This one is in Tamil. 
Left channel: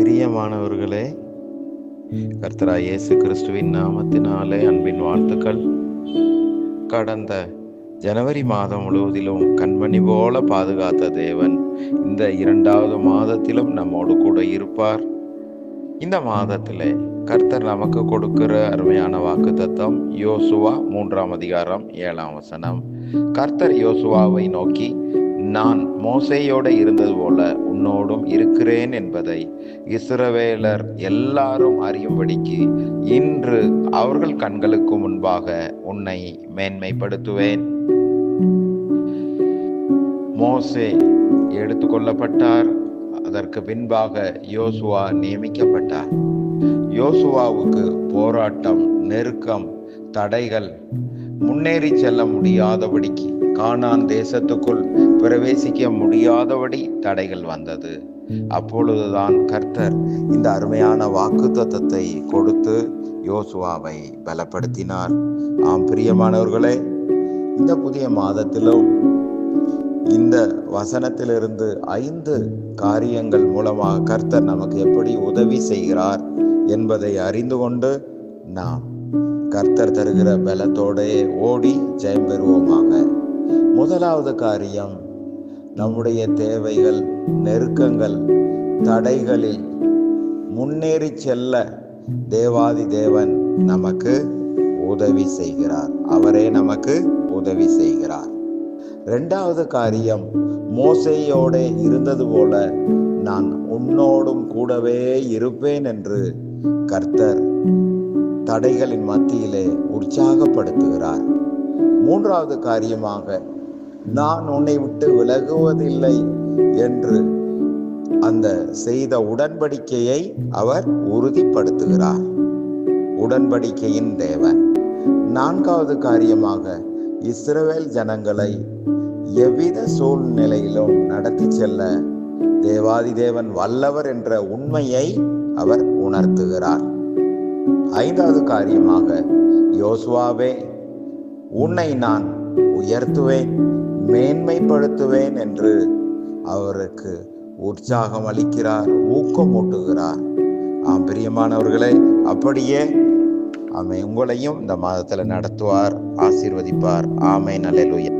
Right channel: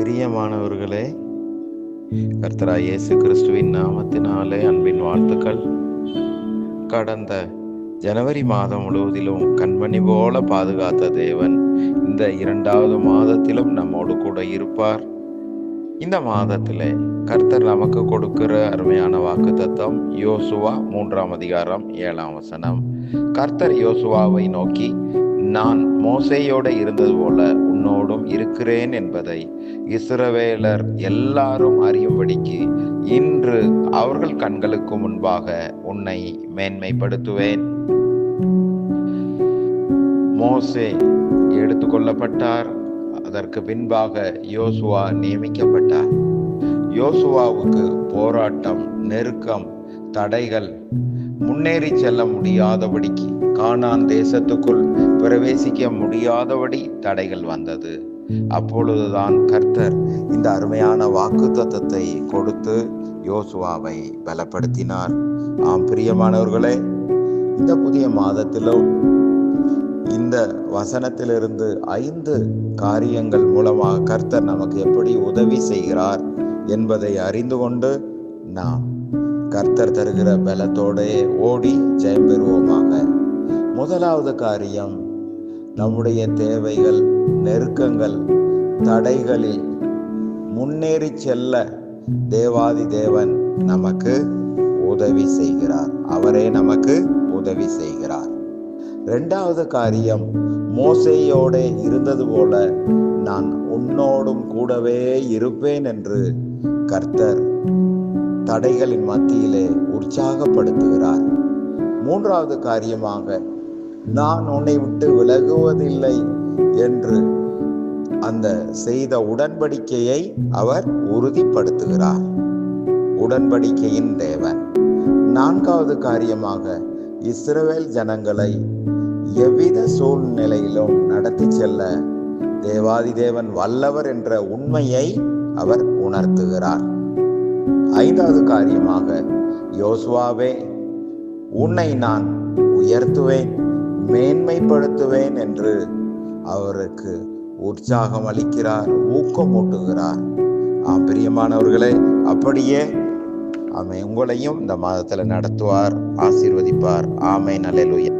பிரியமானவர்களே, கர்த்தராகிய இயேசு கிறிஸ்துவின் நாமத்தினாலே அன்பின் வாழ்த்துக்கள். கடந்த ஜனவரி மாதம் முழுவதிலும் கண்மணி போல பாதுகாத்த தேவன் இந்த 2வது மாதத்திலும் நம்மோடு கூட இருப்பார். இந்த மாதத்திலே கர்த்தர் நமக்கு கொடுக்கிற அருமையான வாக்குத்தத்தம் யோசுவா 3ஆம் அதிகாரம் 7ஆம் வசனம். கர்த்தர் யோசுவாவை நோக்கி, நான் மோசேயோடு இருந்தது போல உன்னோடும் இருக்கிறேன் என்பதை இஸ்ரவேலர் எல்லாரும் அறியும்படிக்கு இன்று அவர்கள் கண்களுக்கு முன்பாக உன்னை மேன்மைப்படுத்துவேன். மோசே எடுத்துக்கொள்ளப்பட்டார். அதற்கு பின்பாக யோசுவா நியமிக்கப்பட்டார். யோசுவாவுக்கு போராட்டம், நெருக்கம், தடைகள், முன்னேறி செல்ல முடியாதபடிக்கு, கானான் தேசத்துக்குள் பிரவேசிக்க முடியாதபடி தடைகள் வந்தது. அப்பொழுதுதான் கர்த்தர் இந்த அருமையான வாக்குத்தத்தத்தை கொடுத்து யோசுவாவை பலப்படுத்தினார். ஆம் பிரியமானவர்களே, இந்த புதிய மாதத்திலும் இந்த வசனத்திலிருந்து 5 காரியங்கள் மூலமாக கர்த்தர் நமக்கு எப்படி உதவி செய்கிறார் என்பதை அறிந்து கொண்டு நாம் கர்த்தர் தருகிற பலத்தோடே ஓடி ஜெயம் பெறுவோமாக. முதலாவது காரியம், நம்முடைய தேவைகள், நெருக்கங்கள், தடைகளில் முன்னேறி செல்ல தேவாதி தேவன் நமக்கு உதவி செய்கிறார். அவரே நமக்கு உதவி செய்கிறார். 2வது காரியம், மோசேயோடே இருந்தது போல நான் உன்னோடும் கூடவே இருப்பேன் என்று கர்த்தர் தடைகளின் மத்தியிலே உற்சாகப்படுத்துகிறார். 3வது காரியமாக, நான் உன்னை விட்டு விலகுவதில்லை என்று அந்த செய்த உடன்படிக்கையை அவர் உறுதிப்படுத்துகிறார். உடன்படிக்கையின் தேவன். 4வது காரியமாக, இஸ்ரவேல் ஜனங்களை எவ்வித சூழ்நிலையிலும் நடத்தி செல்ல தேவாதி தேவன் வல்லவர் என்ற உண்மையை அவர் உணர்த்துகிறார். 5வது காரியமாக, யோசுவாவே, உன்னை நான் உயர்த்துவேன், மேன்மைப்படுத்துவேன் என்று அவருக்கு உற்சாகம் அளிக்கிறார், ஊக்கமூட்டுகிறார். ஆம் பிரியமானவர்களே, அப்படியே உங்களையும் இந்த மாதத்தில் நடத்துவார், ஆசீர்வதிப்பார். ஆமென். அல்லேலூயா.